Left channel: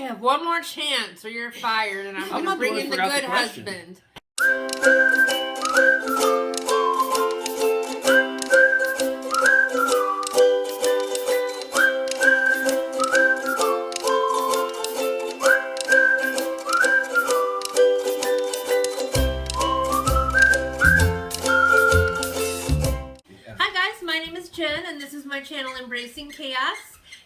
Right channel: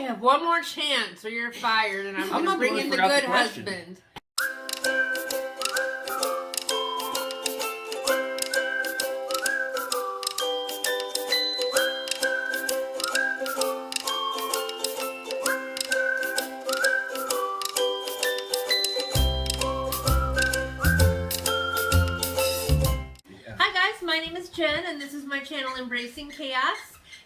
You have one more chance or you're fired, and I'm not bringing the forgot good the question. husband. Hi guys, my name is Jen, and this is my channel, Embracing Chaos.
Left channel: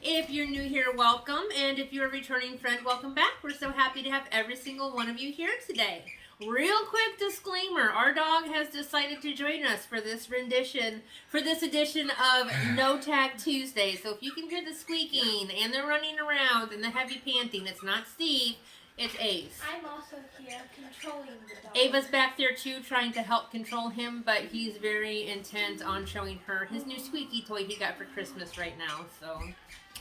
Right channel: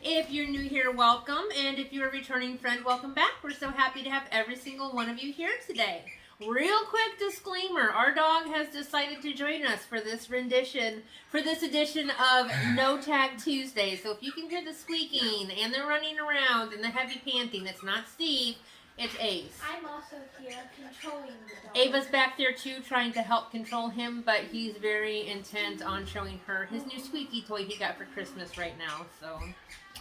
If you're new here, welcome, and if you're a returning friend, welcome back. We're so happy to have every single one of you here today. Real quick disclaimer, our dog has decided to join us for this edition of No Tag Tuesday. So if you can hear the squeaking and the running around and the heavy panting, it's not Steve, it's Ace. I'm also here controlling the dog. Ava's back there too, trying to help control him, but he's very intent on showing her his new squeaky toy he got for Christmas right now. So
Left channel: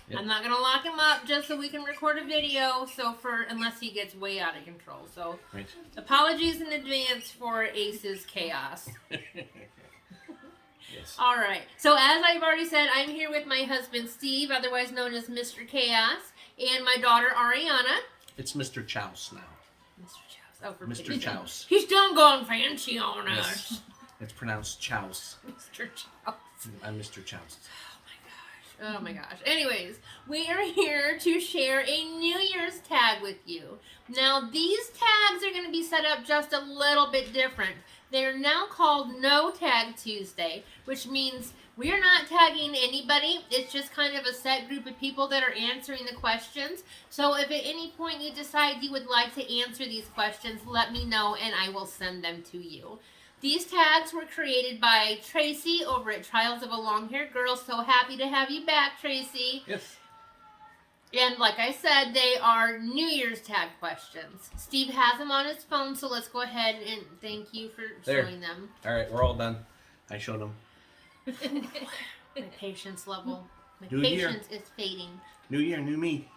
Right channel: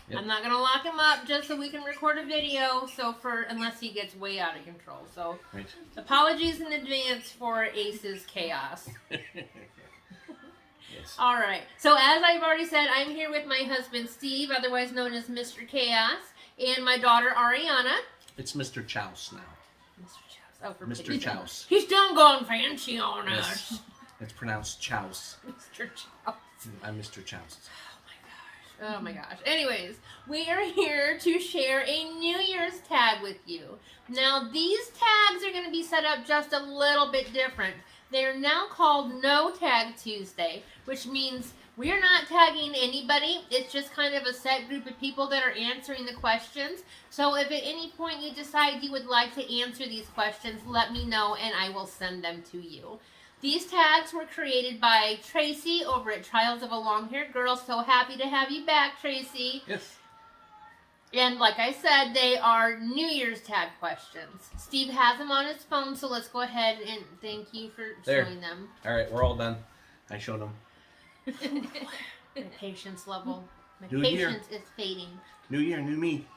yep. I'm not gonna lock him up just so we can record a video. So unless he gets way out of control. So right. Apologies in advance for Ace's chaos. Yes. All right. So as I've already said, I'm here with my husband Steve, otherwise known as Mr. Chaos, and my daughter Ariana. It's Mr. Chaos now. Mr. Chaos. Oh, for Mr. Chaos. He's done gone fancy on us. Yes. It's pronounced Chaos. Mr. Chaos. I'm Mr. Chaos. Oh my gosh. Anyways, we are here to share a New Year's tag with you. Now, these tags are going to be set up just a little bit different. They're now called No Tag Tuesday, which means we're not tagging anybody. It's just kind of a set group of people that are answering the questions. So if at any point you decide you would like to answer these questions, let me know and I will send them to you. These tags were created by Tracy over at Trials of a Long-Haired Girl. So happy to have you back, Tracy. Yes. And like I said, they are New Year's tag questions. Steve has them on his phone, so let's go ahead and thank you for showing them. All right, we're all done. I showed them. My patience level. My New year. patience is fading. New year, new me.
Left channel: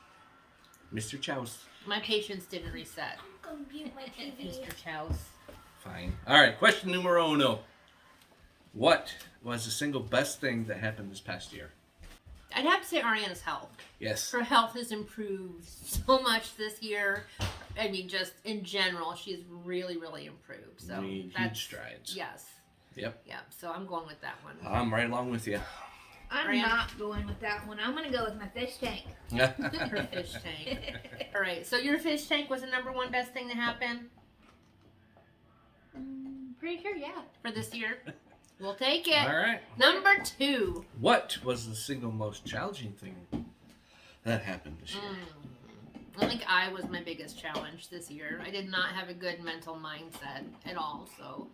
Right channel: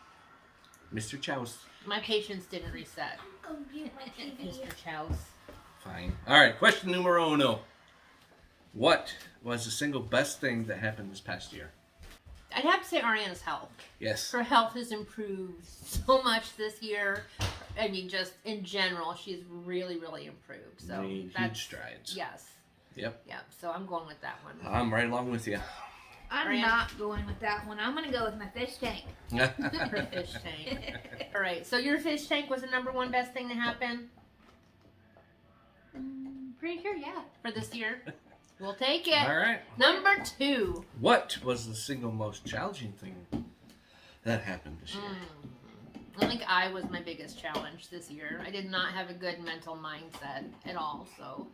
Mr. Chaos. My patience didn't reset. I'm gonna mute my TV. Mr. Chaos. Fine. All right, question numero uno. What was the single best thing that happened this past year? I'd have to say Ariana's health. Yes. Her health has improved so much this year. I mean, just in general, she's really, really improved. So Made huge strides. Yes. Yep. Yep. So I'm going with that one. I'm right along with you. I'm not going with that one. I'm gonna go with my fish tank. Her fish tank. All right. So your fish tank was the number one best thing to happen Pretty sure, yeah. for this year. We'll take it. All right. Number two. What was the single most challenging thing that happened this year? I think I was my biggest challenge this year. I did not have a good mental mindset at all. So,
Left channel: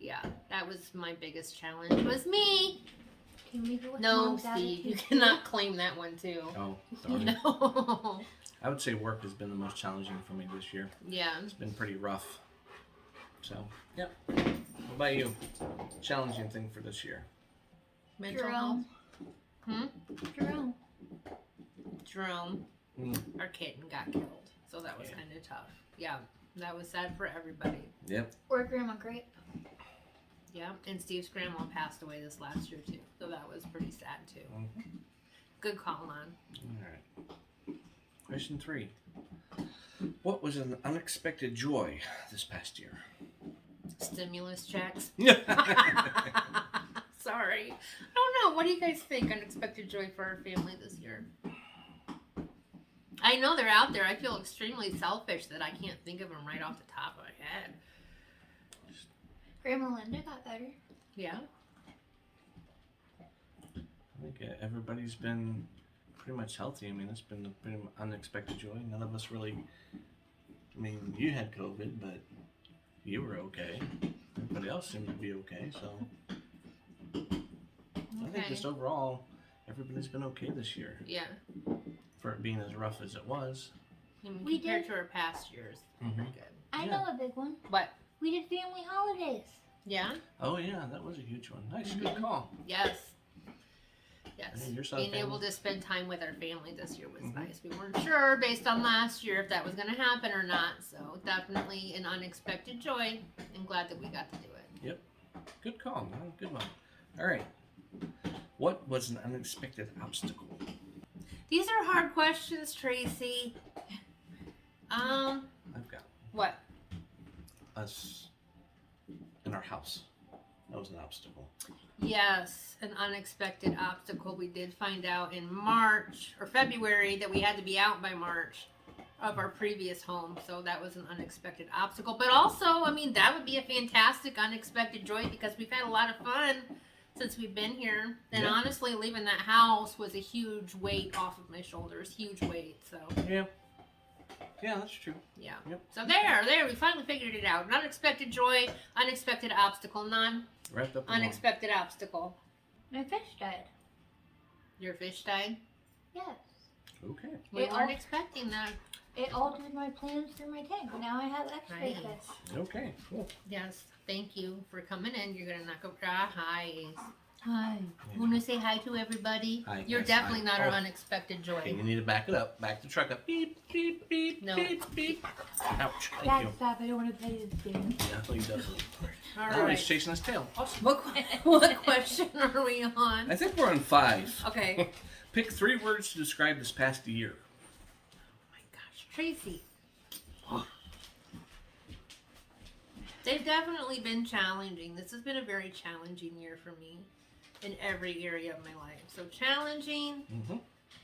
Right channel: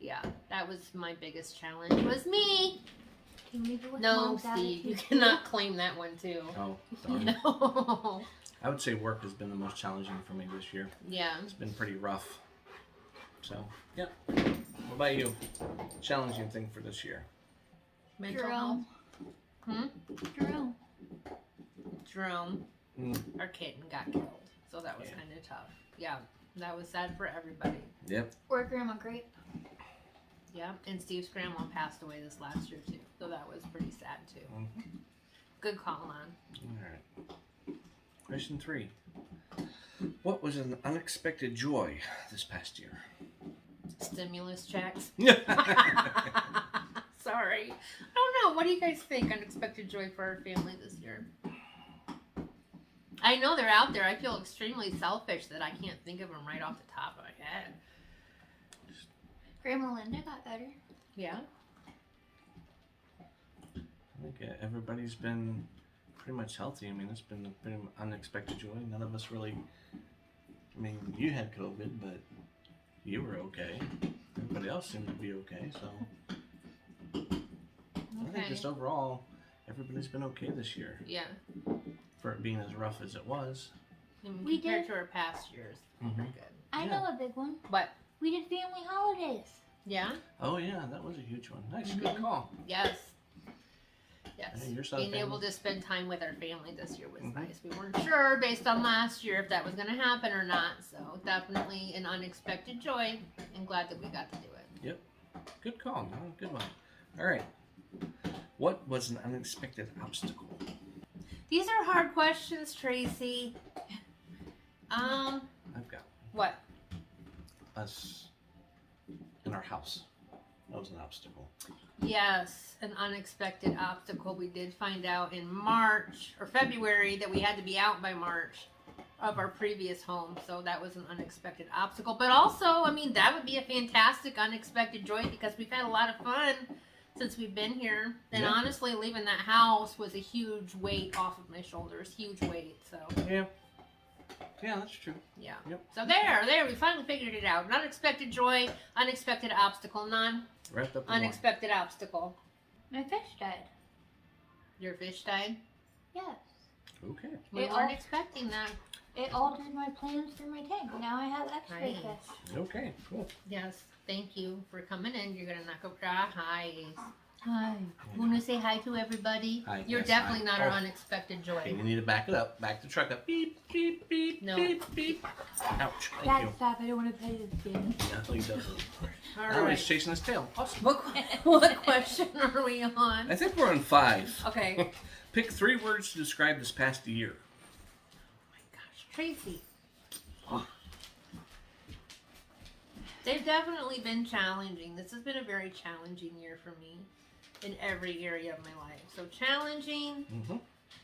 yeah, that was my biggest challenge. Was me. Can we go with No, Mom's Steve, you attitude? cannot claim that one too. Oh, darn. No. I would say work has been the most challenging for me this year. Yeah. It's been pretty rough. So, yeah. What about you? Challenging thing for this year? Mental health. Jerome. Jerome. Jerome. Mm. Our kitten got killed. So that was Yeah. kind of tough. Yeah. That was sad for everybody. Yep. Or Grandma Grape. Yeah. And Steve's grandma passed away this last year too. So that was pretty sad too. Mm-hmm. Good call on. All right. Question 3. What was an unexpected joy this past year? Stimulus checks. Sorry. I don't know. What do you guys think? Unexpected joy for our family this year. I know they're out there. I feel extremely selfish that I can't think of them right off the top of my head. Grandma Linda got better. Yeah. I think everybody's been pretty much healthy. I mean, it's been a pretty unexpected joy. None of us really. I mean, you had COVID, but you were okay. Everybody else seemed to be okay. So I think just overall, everybody's been okay this year. Yeah. For it being as rough as it was. I mean, We compared did. to our past years. Mhm. Pretty good. I Yeah. know a big one. What? We did family holidays. Yeah. Oh yeah, that was a huge one. Nice, good call. Yes. Yes. Yeah, your side of Being able family. to spend time with our family this year was Mhm. nice. We weren't sure based on last year if that was going to happen or not. So definitely an unexpected joy. And glad that we got to do it. Yep. Good call. No, good one. All right. What was an unexpected obstacle? These are hard questions, Tracy. I've got What? us in our house. That was an obstacle. Yes, an unexpected obstacle. We did find out in March or February that we had to be out by March of our previous home. So that was an unexpected obstacle. But also, I mean, that would be a fantastic unexpected joy because we've had a lot of fun since we've been here. And Yeah. honestly, leaving that house was a huge weight off of my shoulders. Huge weight. So, Yeah. Yeah, that's true. yeah. Yep. So there, we finally figured it out. An unexpected joy, unexpected obstacle. None. Wrapped up in one. Unexpected obstacle. My fish died. Your fish died? Yes. Okay. We It weren't all- expecting that. It altered my plans for my tank. Now I have extra Nice. fish. Okay, cool. Yes, thank you for coming in. You're gonna knock over. Hi. Hi. You wanna say hi to everybody? Hi, You're yes, definitely hi. not our Oh. unexpected joy. Okay, you need to back it up. Back the truck up. Beep, beep, beep, No. beep, beep. Ouch. Thank Dad, you. stop. I don't want to play this game. No, he doesn't. All Now right. he's chasing his tail. Awesome. What question are we on? I think we're on 5. Okay. Pick 3 words to describe this past year. Oh my gosh, Tracy. They've definitely been challenging. This has been a very challenging year for me in every area of my life. So challenging, Mm-hmm.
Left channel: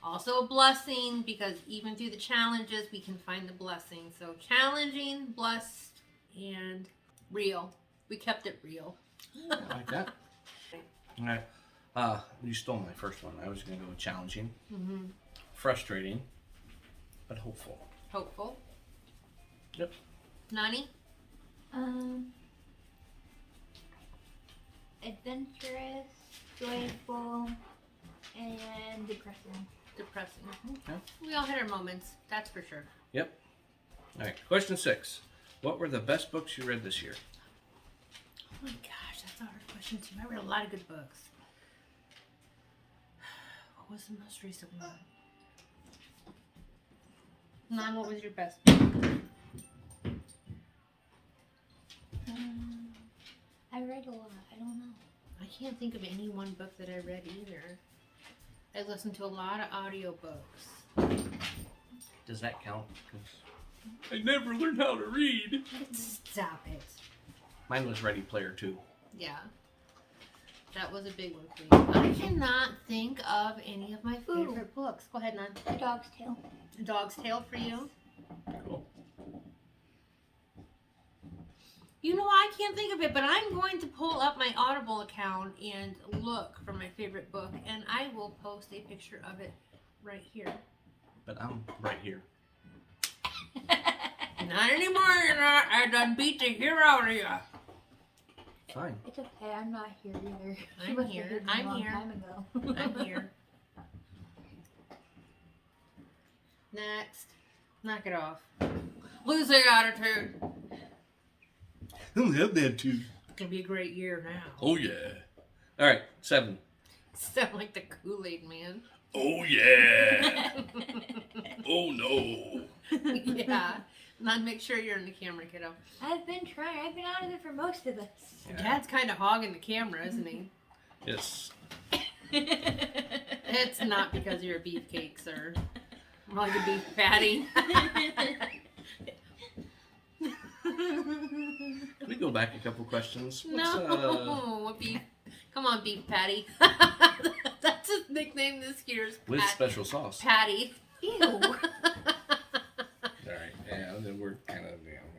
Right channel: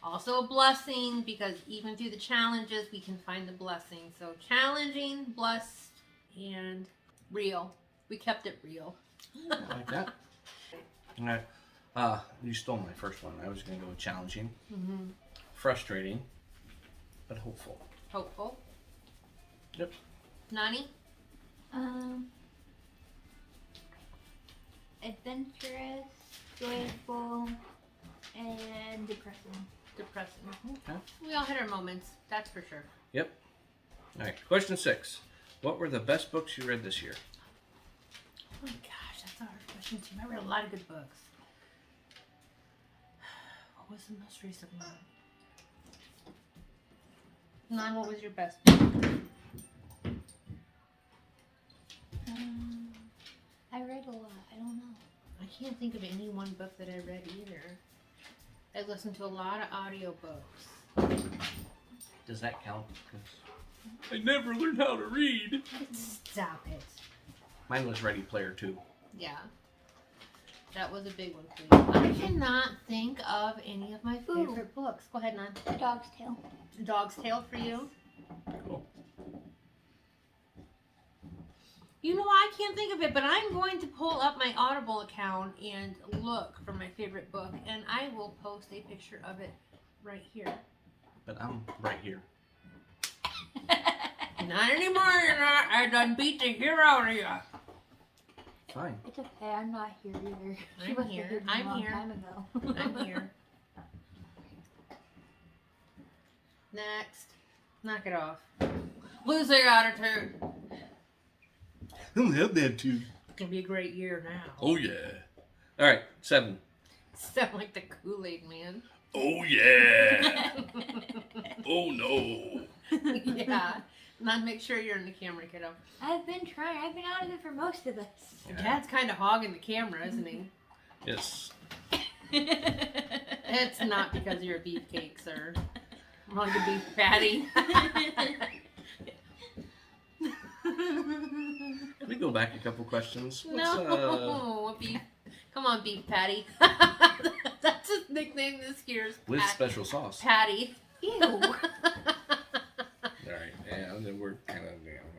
also a blessing because even through the challenges we can find the blessing. So challenging, blessed, and real. We kept it real. I like that. All right. You stole my first one. I was going to go with challenging, Mm-hmm. frustrating, but hopeful. Hopeful. Yep. Nani? Adventurous, joyful, and depressing. Depressing. Okay. We all had our moments, that's for sure. Yep. All right. Question 6. What were the best books you read this year? Oh my gosh, that's a hard question too. I read a lot of good books. What was the most recent one? Nan, what was your best book? I read a lot. I don't know. I can't think of any one book that I read either. I listened to a lot of audiobooks. Does that count? 'Cause I never learned how to read. Stop it. Mine was Ready Player 2. Yeah. That was a big one for me. I cannot think of any of my favorite books. Go ahead, Nan. The Dog's Tale. Dog's Tale for you? Cool. You know, I can't think of it, but I'm going to pull up my Audible account and look for my favorite book, and I will post a picture of it right here. But I'm right here. Not anymore, you're not. I done beat the hell out of you. Fine. It's okay. I'm not here either. She I'm must have here. hid me I'm a long here. time ago. I'm here. Next. Knock it off. Losing attitude. I don't have that too. It's gonna be a great year now. Oh yeah. All right. 7. Sound like the Kool-Aid man. Oh yeah. Oh no. Yeah. Now make sure you're in the camera, kiddo. I've been trying. I've been out of it for most of this. Yeah. Dad's kind of hogging the camera, isn't he? Yes. It's not because you're a beefcake, sir. Hog a beef patty. Can we go back a couple questions? No, beef. Come on, beef patty. That's his nickname this year's. With special sauce. Patty. Ew. All right. Yeah, then we're kind of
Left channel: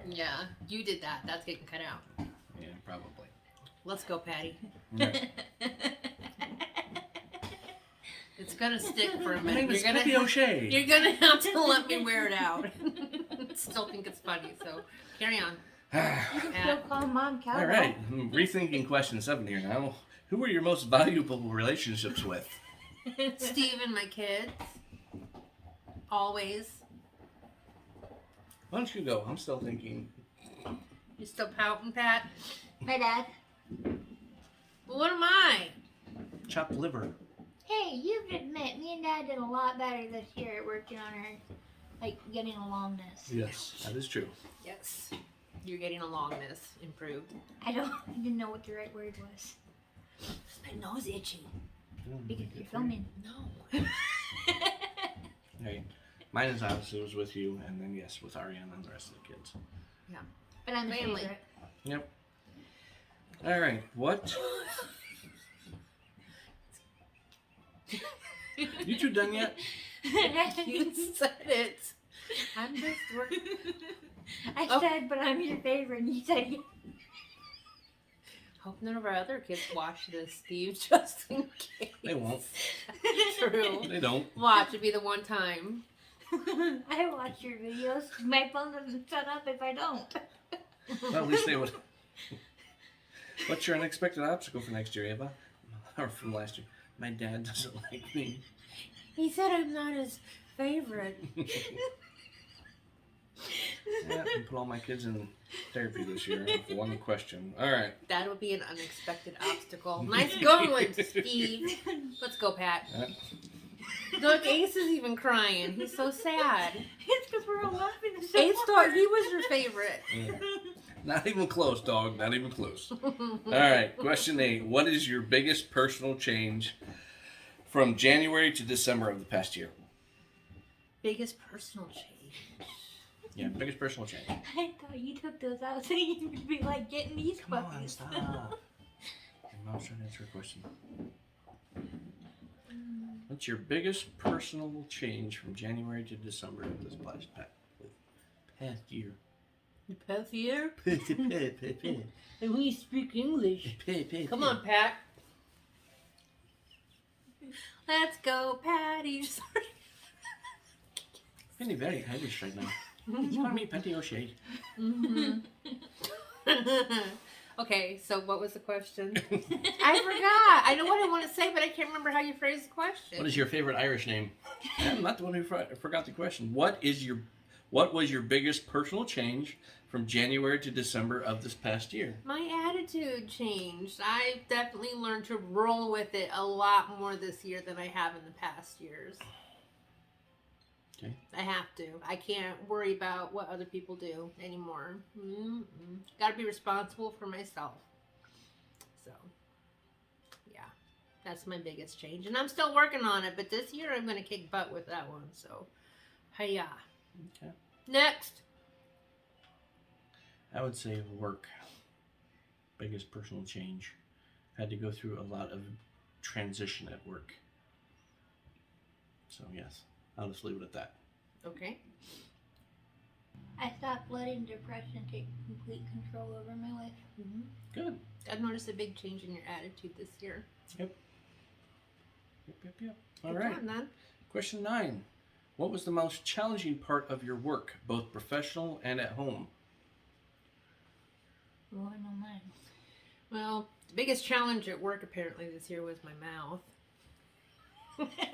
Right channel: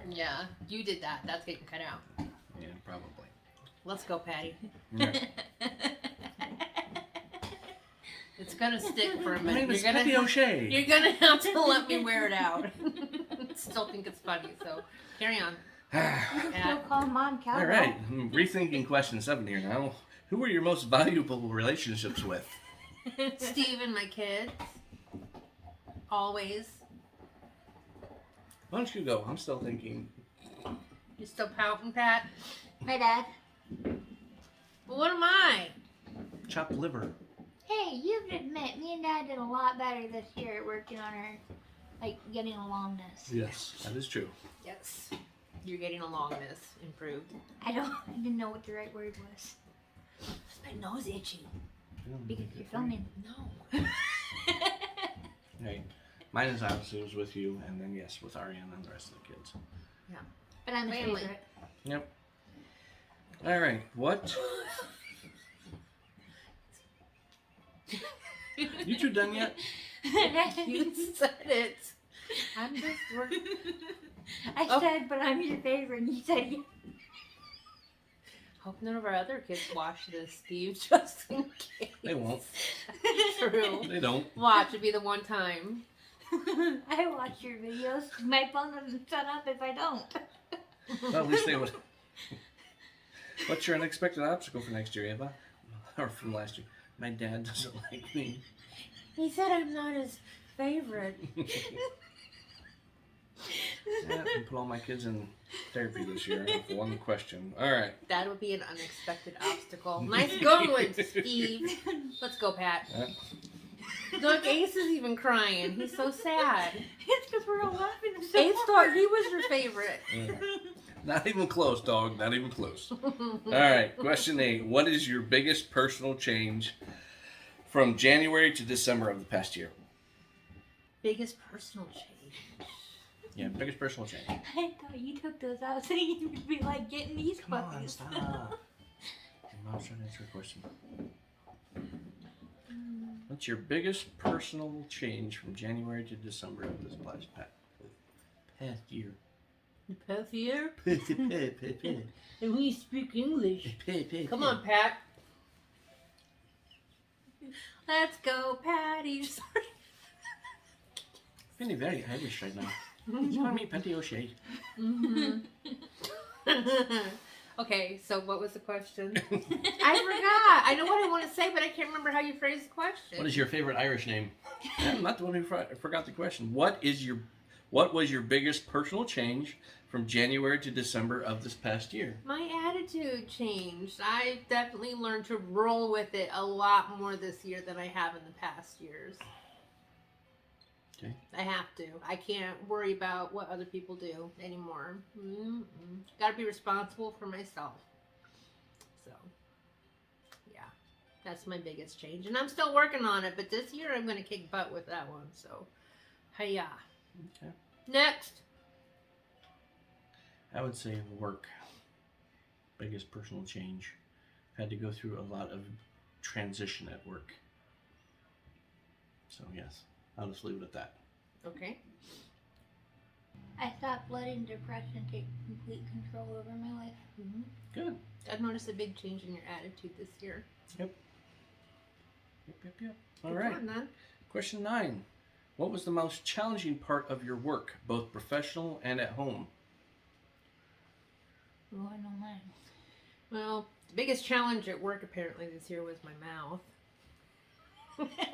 Yeah, you did that. That's getting cut out. Yeah, probably. Let's go, Patty. All right. It's gonna stick for a My minute. name is You're gonna Peppy O'Shea. You're gonna have to let me wear it out. Still think it's funny, so carry on. You can still call Mom Cowbell. All right. I'm rethinking question 7 here now. Who were your most valuable relationships with? Steve and my kids. Always. Why don't you go? I'm still thinking. You still pouting, Pat? My dad. Well, what am I? Chopped liver. Hey, you've admit me and Dad did a lot better this year at working on our, like, getting alongness. Yes, that is true. Yes. You're getting alongness improved. I didn't know what the right word was. My nose itchy. Because you're filming. No. Right. Mine is obviously was with you, and then yes, with Ariana and the rest of the kids. But I'm the Family. favorite. Yep. All right. What? You two done yet? You said it. I'm just working. I Oh. said, but I'm your favorite, and you said, yeah. Hope none of our other kids watch this, Steve, just in case. They won't. True. They don't. Watch, it'd be the one time. I watch your videos. My phone doesn't shut up if I don't. Well, at least they would. What's your unexpected obstacle for next year, Ava? Or from last year? My dad doesn't like me. He said I'm not his favorite. Yeah, and put all my kids in therapy this year with one question. All right. That would be an unexpected obstacle. Nice going, Steve. Let's go, Pat. Look, Ace is even crying. He's so sad. It's because we're all laughing so Ace thought hard. he was your favorite. Not even close, dog. Not even close. All right. Question 8. What is your biggest personal change from January to December of the past year? Biggest personal change. Yeah, biggest personal change. I thought you took those out so you would be like getting these Come on, puppies. stop. Your mom's trying to answer a question. What's your biggest personal change from January to December of this past year? The past year? Past And we speak English. Come on, Pat. Let's go, Patty. Sorry. Feeling very Irish right now. He's calling me Patty O'Shea. Mm-hmm. Okay, so what was the question? I forgot. I know what I want to say, but I can't remember how you phrased the question. What is your favorite Irish name? I'm not the one who forgot the question. What was your biggest personal change from January to December of this past year? My attitude changed. I definitely learned to roll with it a lot more this year than I have in the past years. Okay. I have to. I can't worry about what other people do anymore. Got to be responsible for myself. So, yeah, that's my biggest change. And I'm still working on it, but this year I'm going to kick butt with that one. So, hiya. Okay. Next. I would say work. Biggest personal change. Had to go through a lot of transition at work. So yes, I'll just leave it at that. Okay. I stopped letting depression take complete control over my life. Mm-hmm. Good. I've noticed a big change in your attitude this year. Yep. All Good right. one, then. Question 9. What was the most challenging part of your work, both professional and at home? Oh, I know mine. Well, the biggest challenge at work apparently this year was my mouth.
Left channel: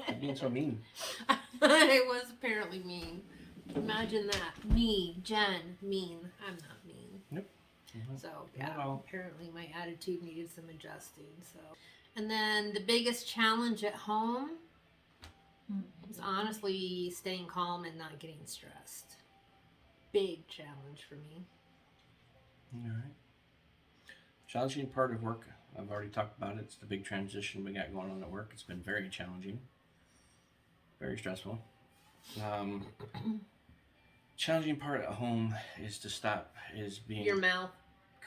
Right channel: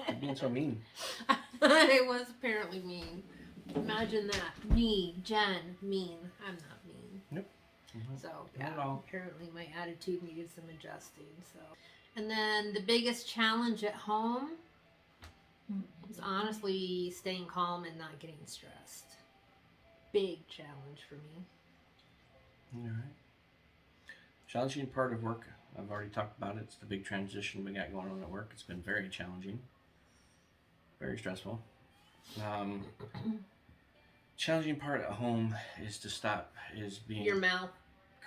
You're being so mean. I was apparently mean. Imagine that. Me, Jen, mean. I'm not mean. Nope. So, Not yeah, at all. apparently my attitude needed some adjusting. So, and then the biggest challenge at home was honestly staying calm and not getting stressed. Big challenge for me. All right. Challenging part of work. I've already talked about it. It's the big transition we got going on at work. It's been very challenging. Very stressful. Challenging part at home is to stop being Your mouth.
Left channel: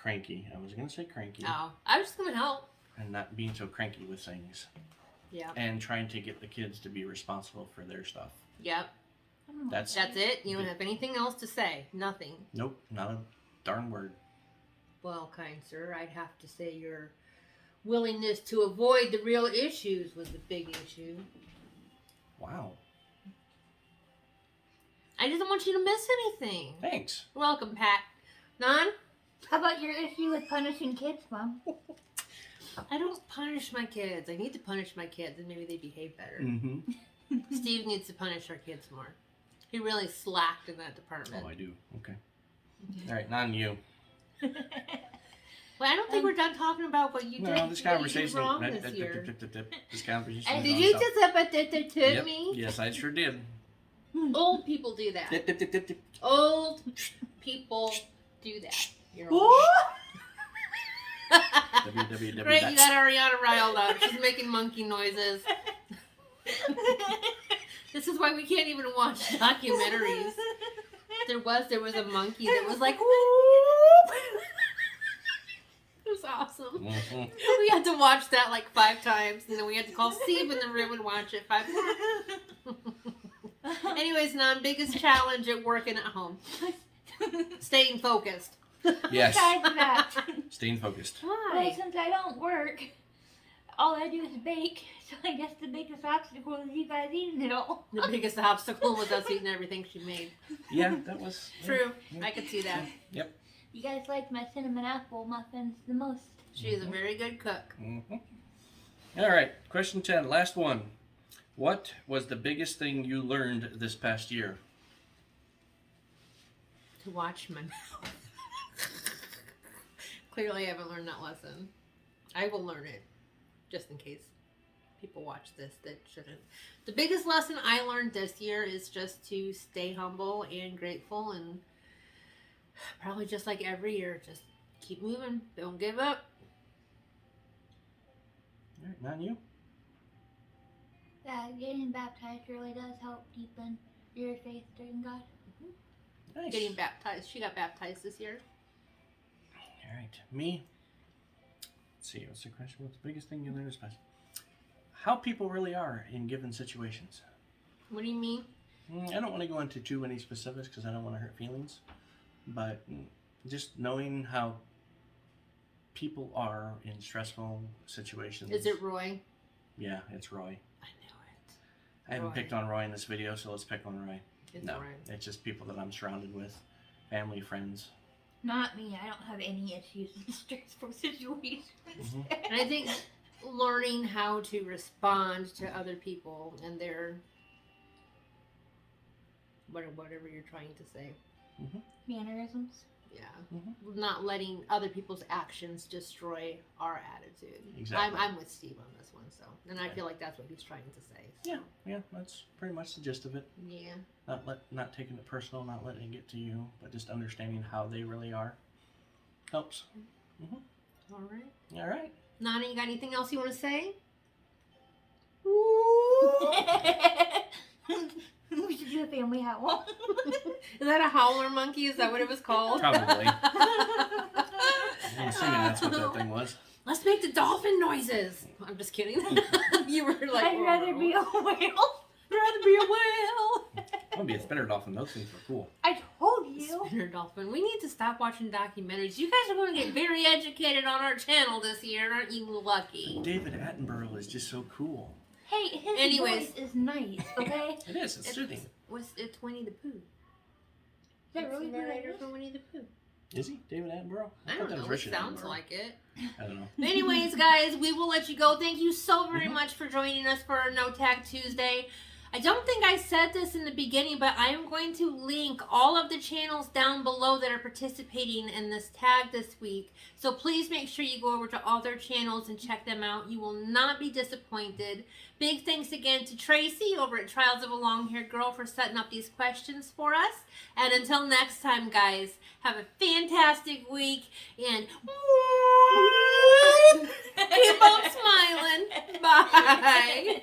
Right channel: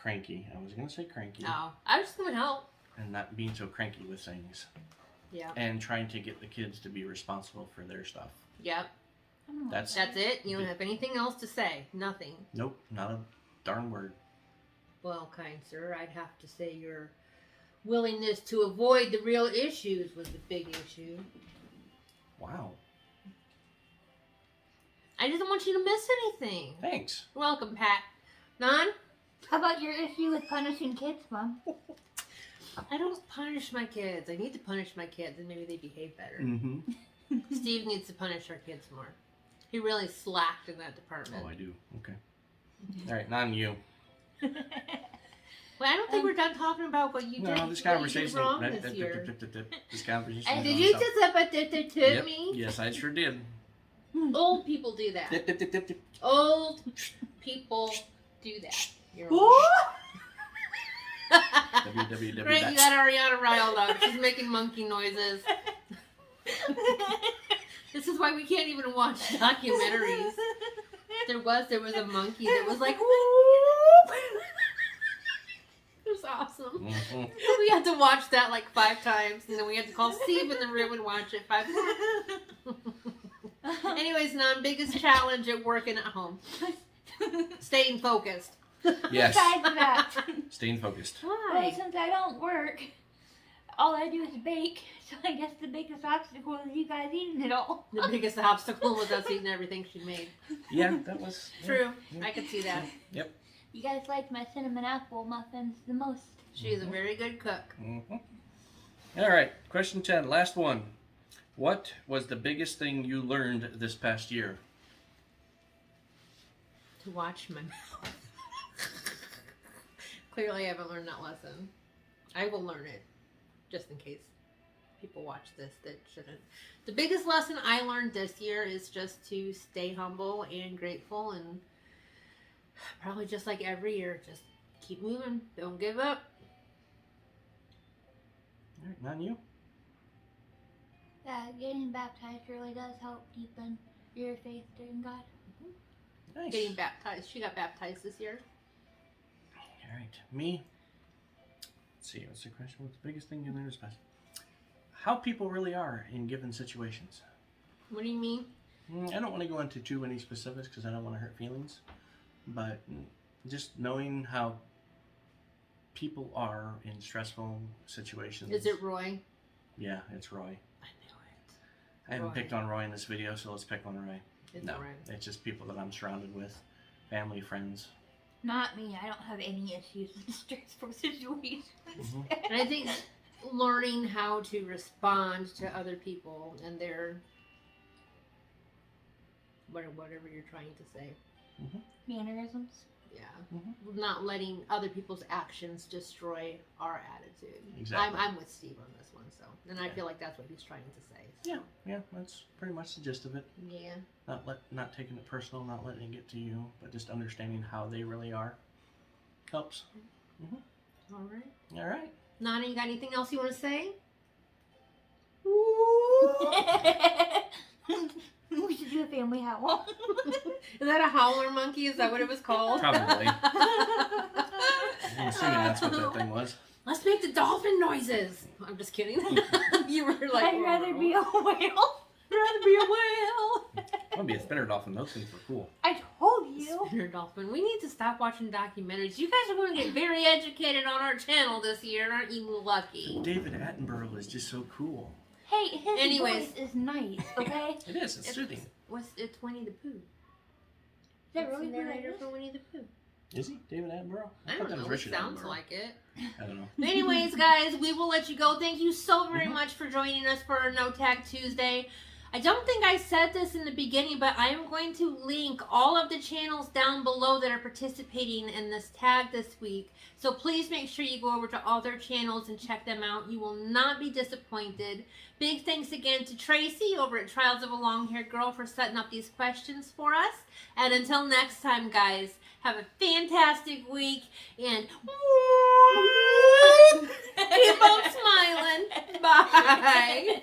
cranky. I was going to say cranky. Oh, I was just going to help. And not being so cranky with things. Yeah. And trying to get the kids to be responsible for their stuff. Yep. That's That's it. You don't have anything else to say. Nothing. Nope, not a darn word. Well, kind sir, I'd have to say your willingness to avoid the real issues was the big issue. Wow. I just don't want you to miss anything. Thanks. You're welcome, Pat. None? How about your issue with punishing kids, Mom? I don't punish my kids. I need to punish my kids and maybe they behave better. Mm-hmm. Steve needs to punish our kids more. He really slacked in that department. Oh, I do. Okay. All right, not you. Well, I don't think we're done talking about what you did. No, this what you conversation. did wrong this year. This conversation. Did you just up at to Yep. me? Yes, I sure did. Old people do that. Dip, dip, dip, dip, dip. Old people do that. You're old. www. Great, you got Ariana riled up. She's making monkey noises. This is why we can't even watch documentaries. There was a monkey that was like, whoop. It was awesome. Mm-hmm. We had to watch that like 5 times, and then we had to call Steve in the room and watch it 5 times. Anyways, biggest challenge at work and at home. Staying focused. Yes. Besides that, Staying focused. well, Why? since I don't work, all I do is bake. So I guess the biggest obstacle is you guys eating it all. The biggest obstacle was us eating everything she made. Yeah, that was True. Yeah. I could see that. Yep. You guys like my cinnamon apple muffins the most. She is a very good cook. Mm-hmm. All right. Question 10. Last one. What was the biggest thing you learned this past year? To watch my mouth. Clearly, I haven't learned that lesson. I will learn it, just in case people watch this that shouldn't. The biggest lesson I learned this year is just to stay humble and grateful, and probably just like every year, just keep moving. Don't give up. All right. Not you? Yeah, getting baptized really does help deepen your faith in God. Nice. Getting baptized. She got baptized this year. All right. Me? Let's see. What's the question? What's the biggest thing you learned this past? How people really are in given situations. What do you mean? I don't want to go into too many specifics because I don't want to hurt feelings. But just knowing how people are in stressful situations. Is it Roy? Yeah, it's Roy. I knew it. I haven't Roy. picked on Roy in this video, so let's pick on Roy. It's No, Roy. it's just people that I'm surrounded with. Family, friends. Not me. I don't have any issues in stressful situations. Mhm. And I think learning how to respond to other people and their whatever you're trying to say. Mannerisms. Yeah. Mhm. Not letting other people's actions destroy our attitude. Exactly. I'm with Steve on this one, so and I Yeah. feel like that's what he's trying to say. So. Yeah, that's pretty much the gist of it. Yeah. Not taking it personal, not letting it get to you, but just understanding how they really are helps. All right. All right. Nana, you got anything else you want to say? We should do a family howl. Is that a howler monkey? Is that what it was called? Probably. I'm assuming that's what that thing was. Let's make the dolphin noises. I'm just kidding. You were like, I'd rather be a whale. I'd rather be a whale. I'm gonna be a spinner dolphin. Those things were cool. I told you. Spinner dolphin. We need to stop watching documentaries. You guys are going to get very educated on our channel this year. Aren't you lucky? David Attenborough is just so cool. Hey, his Anyways. voice is nice, okay? It is. It's soothing. It's Winnie the Pooh. Is that really the who that narrator is? for Winnie the Pooh? Is he David Attenborough? I thought don't that know. was It Richard sounds Attenborough. like it. I don't know. Anyways, guys, we will let you go. Thank you so very Mhm. much for joining us for our No Tag Tuesday. I don't think I said this in the beginning, but I am going to link all of the channels down below that are participating in this tag this week. So please make sure you go over to all their channels and check them out. You will not be disappointed. Big thanks again to Tracy over at Trials of a Long-Haired Girl for setting up these questions for us. And until next time, guys, have a fantastic week and keep on smiling. Bye.